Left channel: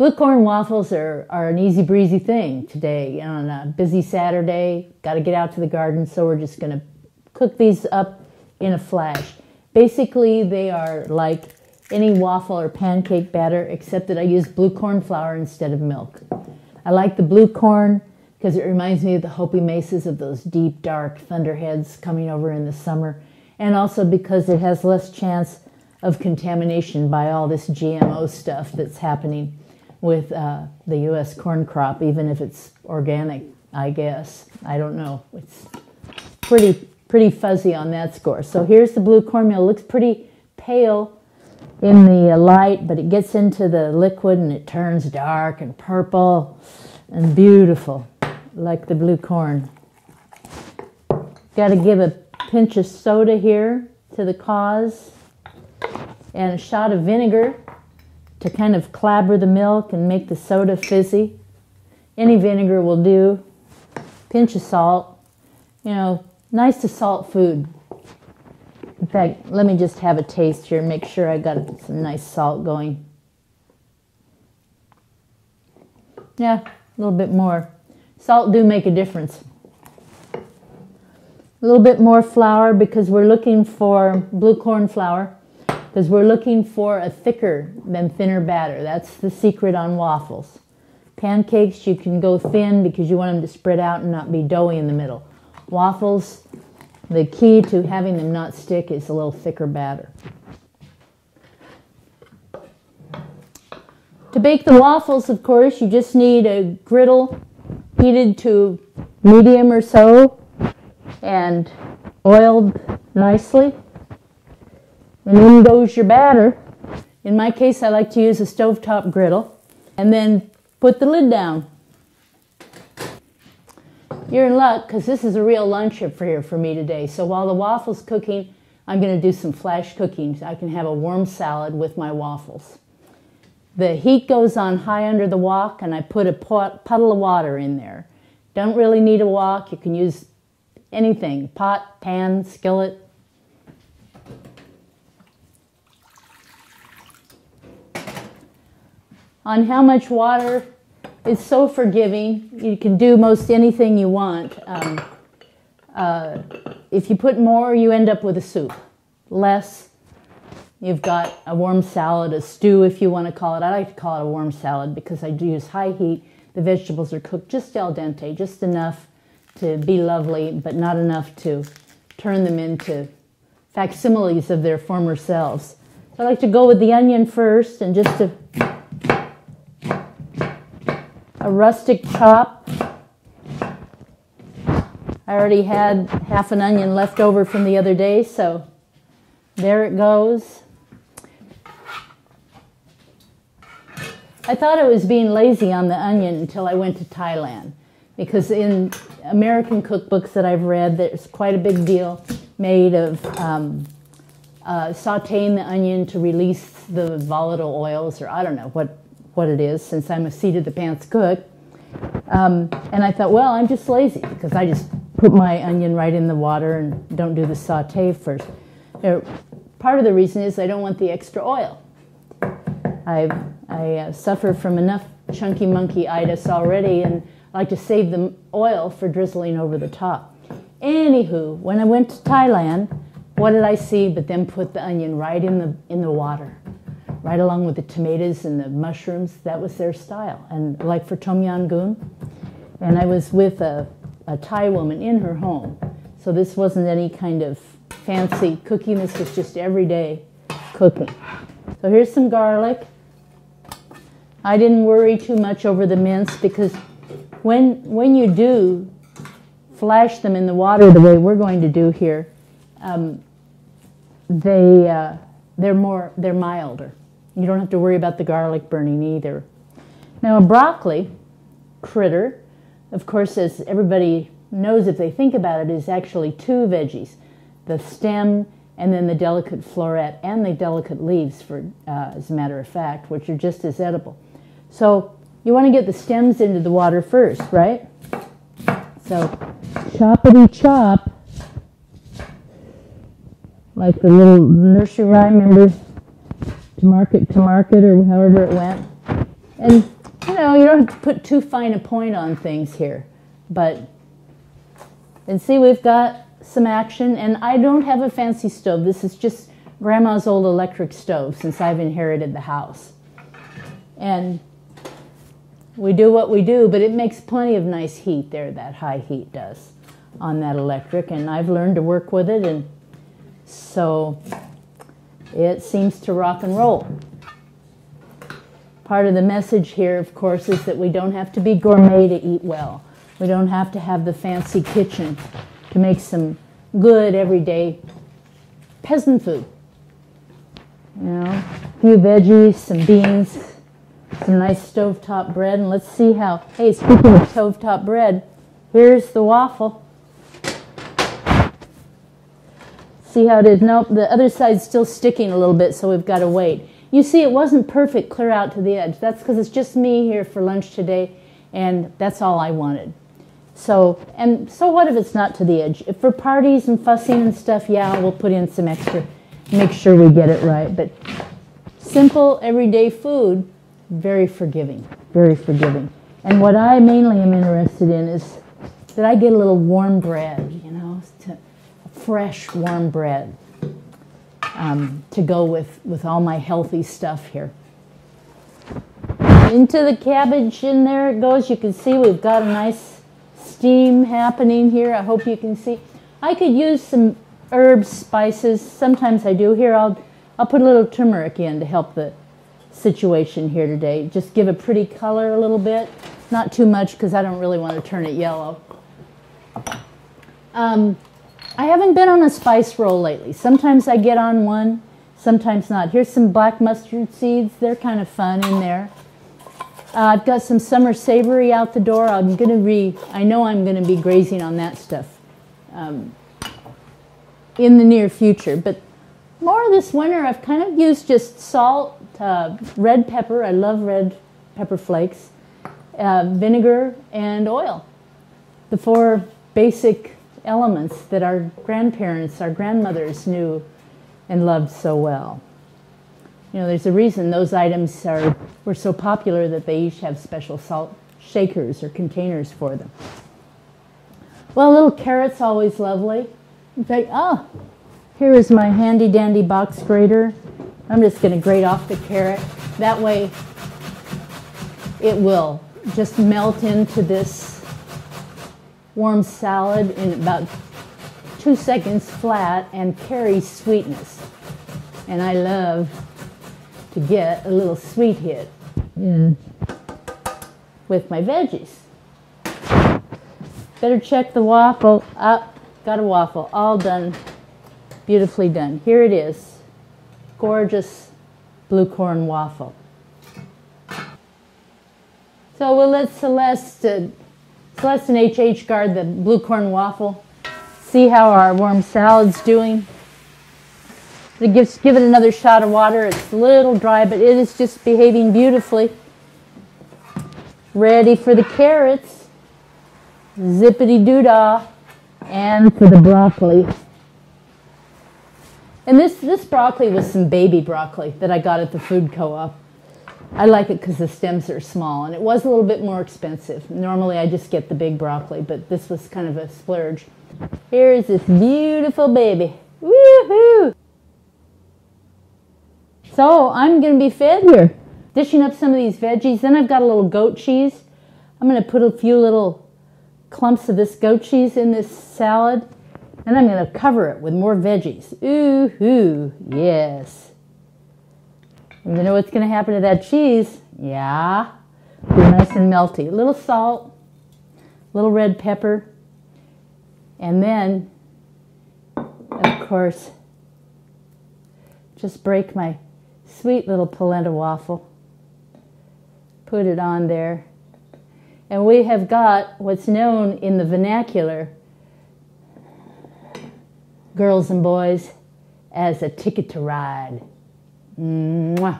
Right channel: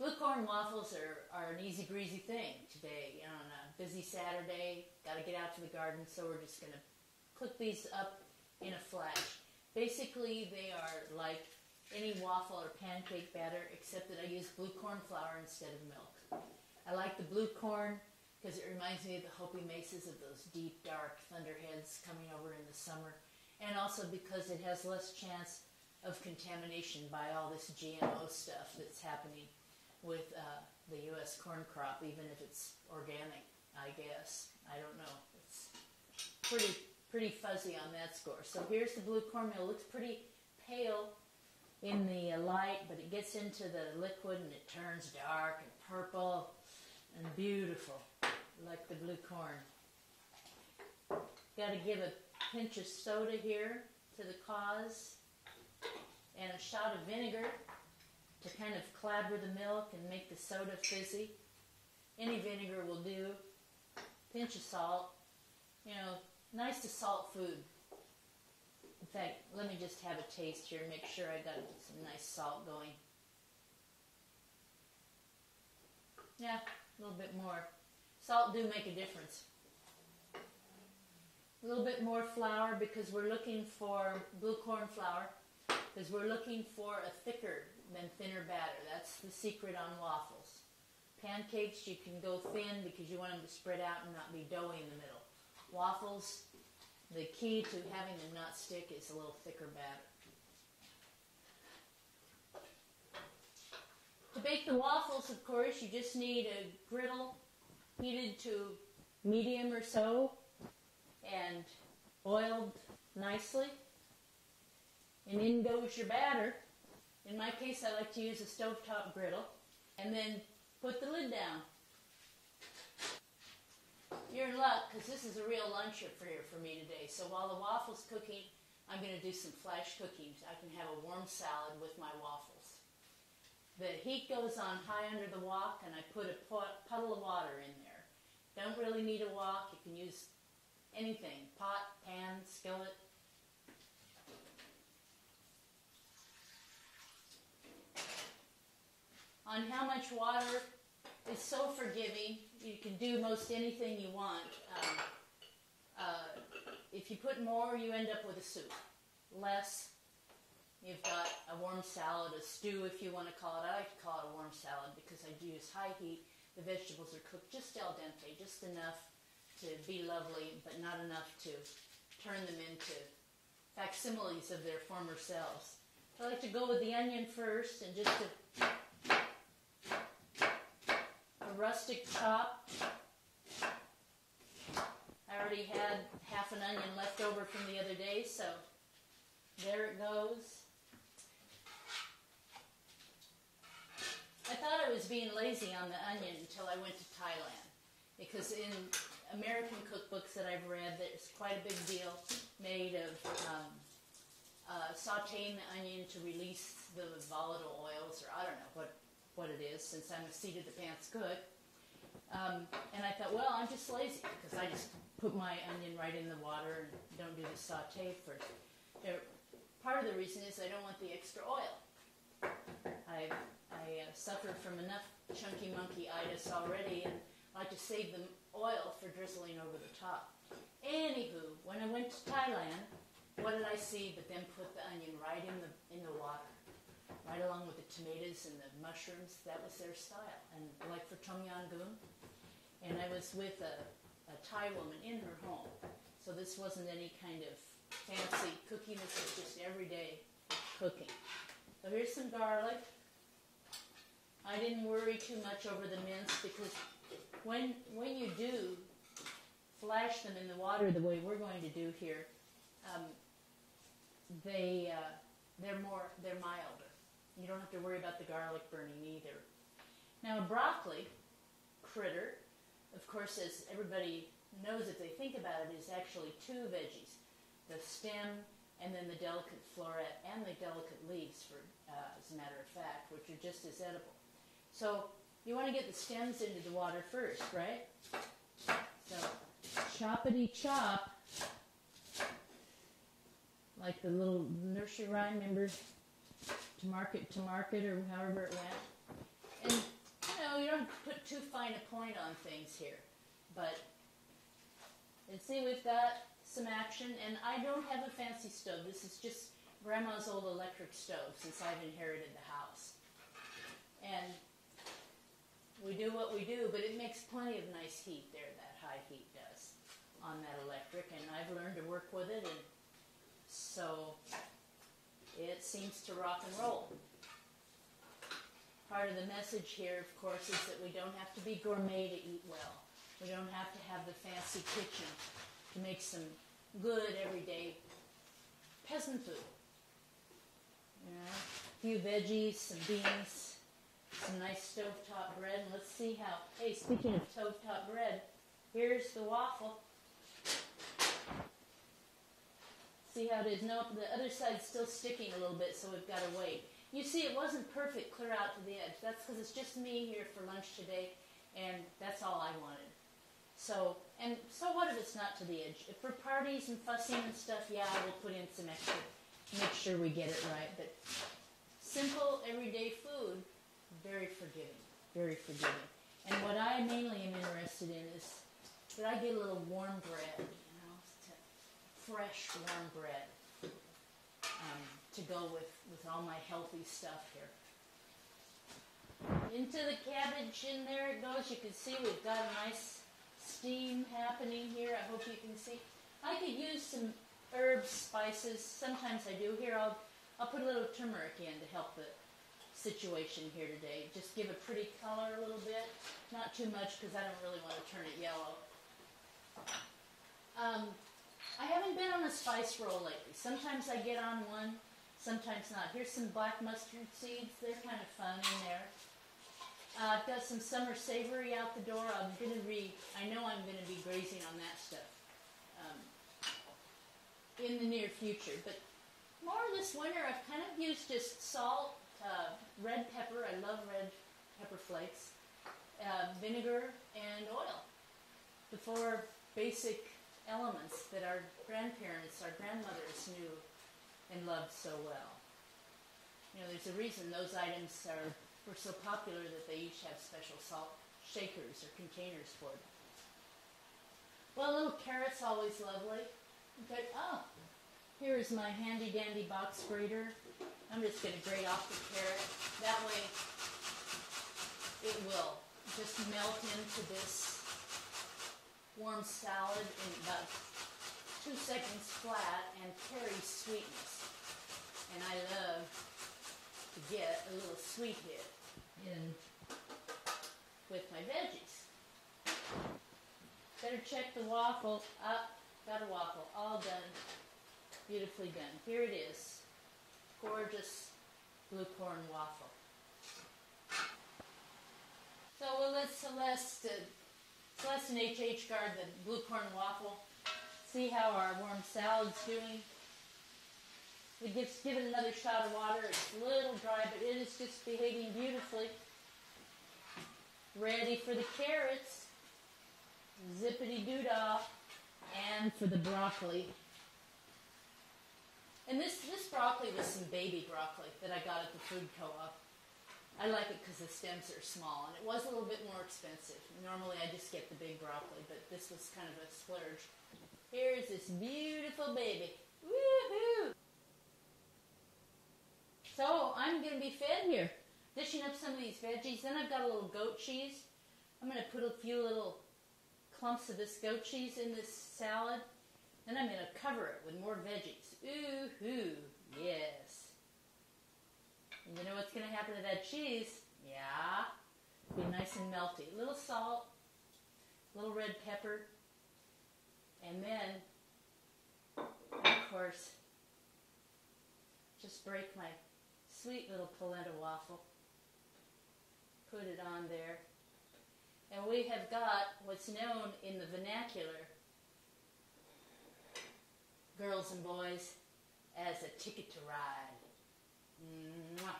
Blue corn waffles are an easy breezy thing today on a busy Saturday. Got to get out to the garden, so we're just going to cook these up in a flash. Basically, they are like any waffle or pancake batter, except that I use blue corn flour instead of milk. I like the blue corn because it reminds me of the Hopi Mesas, of those deep, dark Thunderheads coming over in the summer, and also because it has less chance of contamination by all this GMO stuff that's happening with the U.S. corn crop, even if it's organic, I guess. I don't know. It's pretty fuzzy on that score. So here's the blue cornmeal. It looks pretty pale in the light, but it gets into the liquid and it turns dark and purple and beautiful, like the blue corn. Got to give a pinch of soda here to the cause, and a shot of vinegar to kind of clabber the milk and make the soda fizzy. Any vinegar will do. Pinch of salt. You know, nice to salt food. In fact, let me just have a taste here and make sure I got some nice salt going. Yeah, a little bit more. Salt do make a difference. A little bit more flour because we're looking for blue corn flour, because we're looking for a thicker than thinner batter. That's the secret on waffles. Pancakes, you can go thin because you want them to spread out and not be doughy in the middle. Waffles, the key to having them not stick is a little thicker batter. To bake the waffles, of course, you just need a griddle heated to medium or so and oiled nicely. And in goes your batter. In my case, I like to use a stovetop griddle. And then put the lid down. You're in luck because this is a real lunch affair for me today. So while the waffle's cooking, I'm going to do some flash cooking. I can have a warm salad with my waffles. The heat goes on high under the wok, and I put a puddle of water in there. Don't really need a wok. You can use anything, pot, pan, skillet. On how much water, it's so forgiving. You can do most anything you want. If you put more, you end up with a soup. Less, you've got a warm salad, a stew if you want to call it. I like to call it a warm salad because I do use high heat. The vegetables are cooked just al dente, just enough to be lovely, but not enough to turn them into facsimiles of their former selves. So I like to go with the onion first, and just a rustic chop. I already had half an onion left over from the other day, so there it goes. I thought I was being lazy on the onion until I went to Thailand, because in American cookbooks that I've read, there's quite a big deal made of sauteing the onion to release the volatile oils, or I don't know what it is, since I'm a seat-of-the-pants cook. And I thought, well, I'm just lazy because I just put my onion right in the water and don't do the saute first. Part of the reason is I don't want the extra oil. I suffer from enough chunky monkey-itis already, and I like to save the oil for drizzling over the top. Anywho, when I went to Thailand, what did I see but them put the onion right in the water, right along with the tomatoes and the mushrooms. That was their style. And like for Tom Yam Goong, and I was with a Thai woman in her home, so this wasn't any kind of fancy cooking. This was just everyday cooking. So here's some garlic. I didn't worry too much over the mince, because when you do flash them in the water the way we're going to do here, they're milder. You don't have to worry about the garlic burning either. Now a broccoli critter, of course, as everybody knows if they think about it, is actually two veggies: the stem and then the delicate floret and the delicate leaves, as a matter of fact, which are just as edible. So you want to get the stems into the water first, right? So choppity chop, like the little nursery rhyme, remember, to market, or however it went. And, you know, you don't have to put too fine a point on things here. But, and see, we've got some action. And I don't have a fancy stove. This is just Grandma's old electric stove since I've inherited the house. And we do what we do, but it makes plenty of nice heat there, that high heat does on that electric. And I've learned to work with it, and so it seems to rock and roll. Part of the message here, of course, is that we don't have to be gourmet to eat well. We don't have to have the fancy kitchen to make some good, everyday peasant food. You know, a few veggies, some beans, some nice stovetop bread, and let's see how, hey, speaking of stovetop bread, here's the waffle. See how it is? Nope, the other side's still sticking a little bit, so we've got to wait. You see, it wasn't perfect clear out to the edge. That's because it's just me here for lunch today, and that's all I wanted. So what if it's not to the edge? If for parties and fussing and stuff, yeah, we'll put in some extra, make sure we get it right. But simple, everyday food, very forgiving, very forgiving. And what I mainly am interested in is that I get a little warm bread, you know, fresh warm bread to go with all my healthy stuff here. Into the cabbage, and there it goes. You can see we've got a nice steam happening here. I hope you can see. I could use some herbs, spices. Sometimes I do. Here, I'll put a little turmeric in to help the situation here today. Just give a pretty color a little bit. Not too much because I don't really want to turn it yellow. I haven't been on a spice roll lately. Sometimes I get on one, sometimes not. Here's some black mustard seeds. They're kind of fun in there. I've got some summer savory out the door. I know I'm going to be grazing on that stuff in the near future. But more this winter, I've kind of used just salt, red pepper. I love red pepper flakes, vinegar, and oil. The four basic elements that our grandparents, our grandmothers knew and loved so well. You know, there's a reason those items were so popular that they each have special salt shakers or containers for them. Well, little carrot's always lovely. In fact, here is my handy dandy box grater. I'm just going to grate off the carrot. That way it will just melt into this warm salad in about 2 seconds flat and carry sweetness. And I love to get a little sweet hit in with my veggies. Better check the waffle. Got a waffle, all done, beautifully done. Here it is, gorgeous blue corn waffle. So we'll let Celeste and HH guard the blue corn waffle. See how our warm salad's doing. Give it another shot of water. It's a little dry, but it is just behaving beautifully. Ready for the carrots. Zippity-doo-dah. And for the broccoli. And this broccoli was some baby broccoli that I got at the food co-op. I like it because the stems are small, and it was a little bit more expensive. Normally I just get the big broccoli, but this was kind of a splurge. Here's this beautiful baby. Woohoo! So I'm going to be fed here. Dishing up some of these veggies. Then I've got a little goat cheese. I'm going to put a few little clumps of this goat cheese in this salad. And I'm going to cover it with more veggies. Ooh-hoo, yes. You know what's going to happen to that cheese? Yeah. Be nice and melty. A little salt, a little red pepper, and then, of course, just break my sweet little polenta waffle. Put it on there. And we have got what's known in the vernacular, girls and boys, as a ticket to ride. Mwah.